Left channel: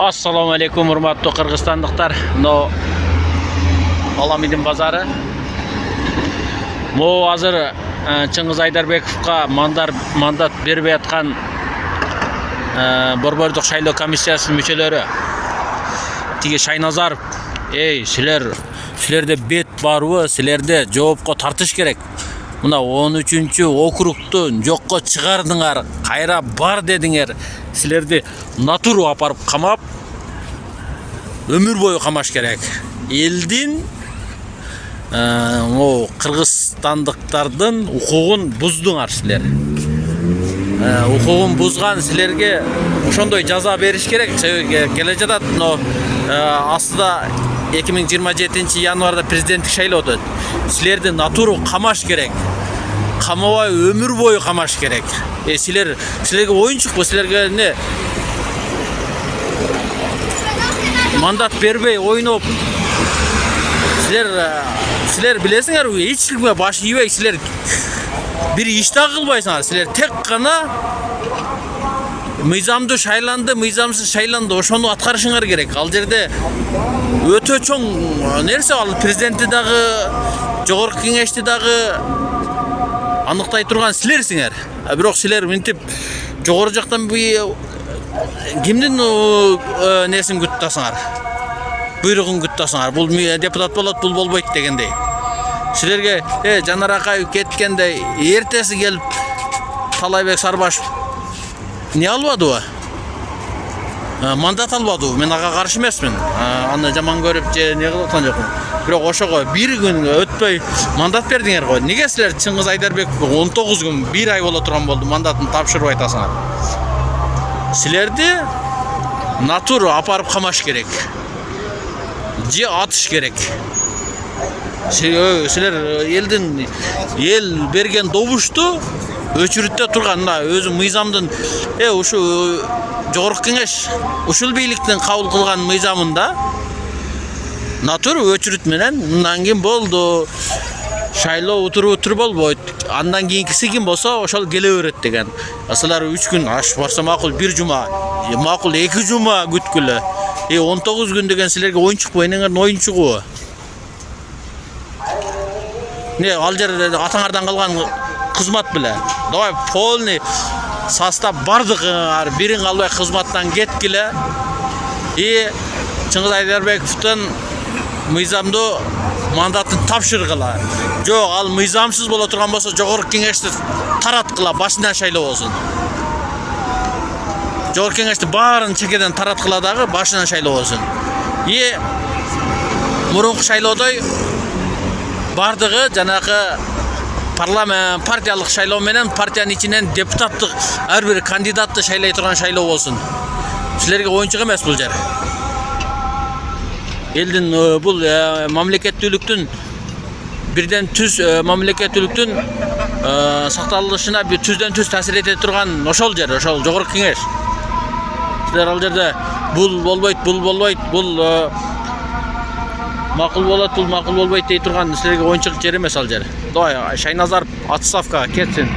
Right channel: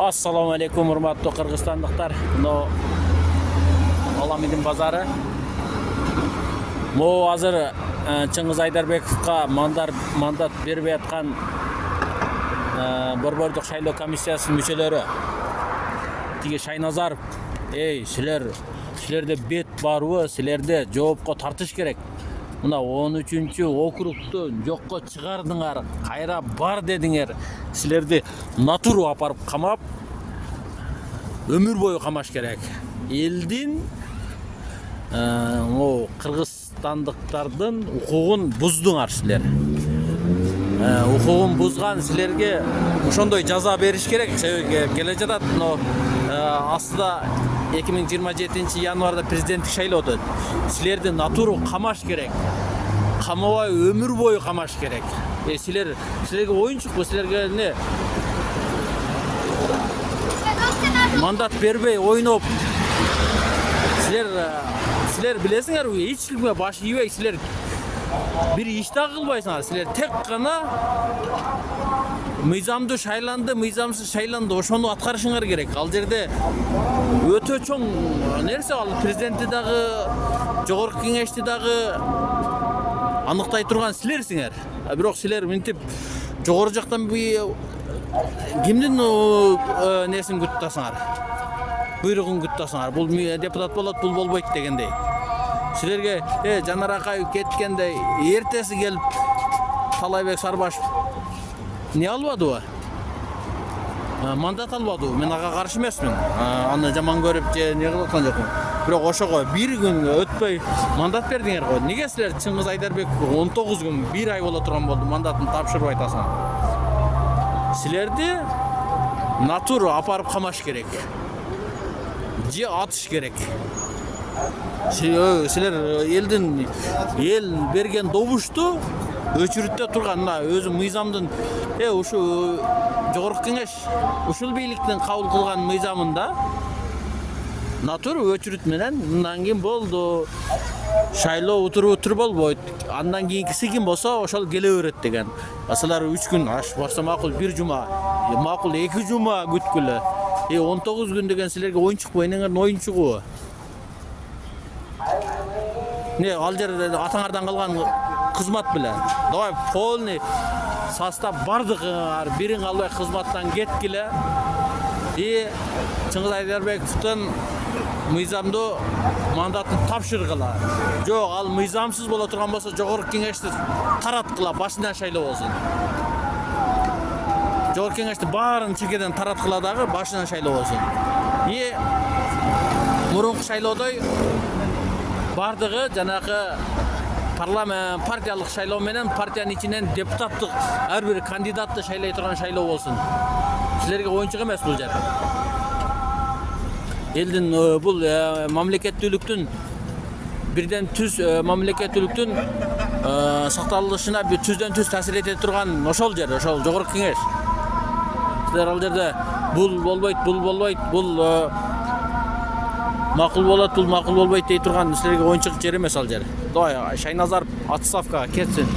Assalamu alaikum hurmatly Kırgızstandıklar. No Alamidin bazarı. Mo hazır Чыңгыз Айдарбековка мандат бербей аткан Борбордук шайлоо комиссиясынын мүчөлөрү тиги Шайназаров, силерде бет барбы, силерде жоопко тартыш керек. Мына 13-округту жокко чыгардыңар, кайра бар дедиңер. Силерди натуру апарып камап, өмүр бою камаш керек. Элдин кыргызстандыктардын укугун буздуңар силер. Укугун бузган силерге ошондой жаза бериш керек. Келе жатат, астыда 2027 январда президенттик шайлоо өтөт. Силерди натуру камаш керек. Камабай өмүр бою камаш керек. Силерге оюнчукпу, силерге эмне мандат бербей ойноп, силер билесиңерби, эч кимге баш ийбей, силер бир иш да кылбайсыңар. Силер тек гана мыйзамдуу шайланды, мыйзамсыз шайланды, ошону аткарышыңар керек. Ал жерде өтө чоң нерсе, ал президентти дагы, жогорку кеңешти дагы аныктай турган силерсиңер. Бирок силер мынтип жогору жактан кимдин несин күттасыңар, буйругун күттасыңар. Бул депутат болот, бул болбойт дегендей. Силерге Жанар Акаев кеткенде эртеси келип Талайбек Сарбашев не албадыбы? Мандат албадыбы? Мен ага каршы эмесмин. Аны жаман көрүп же не кылып аткан жокмун. Бирок ошого бир күн өтпөй мандат бердиңер го. Неге силер Чыңгыз Айдарбековго 19 күн, 1 ай боло турган болду мандатын тапшырып айтасыңар? Силерди натуру апарып камаш керек. Же атыш керек. Силер эл берген добушту өчүрүттө турган өзү мыйзамдын ушу жогорку кеңеш ушул бийликтин кабыл кылган мыйзамында натуру өчүрүт менен мындан кийин болду, шайлоо утуру болбойт, андан кийинкиси ким болсо ошол келе берет деген. Силер 3 күн аш барса макул, 1 жума, макул 2 жума күткүлө. 19 күн деген силерге оюнчукпу, энеңердин оюнчугу. Ал жерде атаңардан калган кызмат беле. Давай полный состав бардыгыңар бирин калбай кызматтан кеткиле. Чыңгыз Айдарбековдун мыйзамдуу мандатын тапшыргыла. Жок, ал мыйзамсыз боло турган болсо жогорку кеңешти тараткыла, башынан шайлоо болсун. Жогорку кеңешти баарын чекеден тараткыла дагы, башынан шайлоо болсун. Мурунку шайлоодой бардыгы жанагы парламент партиялык шайлоо менен партиянын ичинен депутаттык ар бир кандидатты шайлай турган шайлоо болсун. Силерге оюнчук эмес бул жер. Элдин бул мамлекеттүүлүктүн бирден түз мамлекеттүүлүктүн сакталышына түздөн түз таасир эте турган ошол жер, ошол жогорку кеңеш. Силер ал жерде бул болбойт, бул макул болот, бул макул болбойт дей турган силерге оюнчук жер эмес ал жер. Давай Шайназаров отставкага кетсин.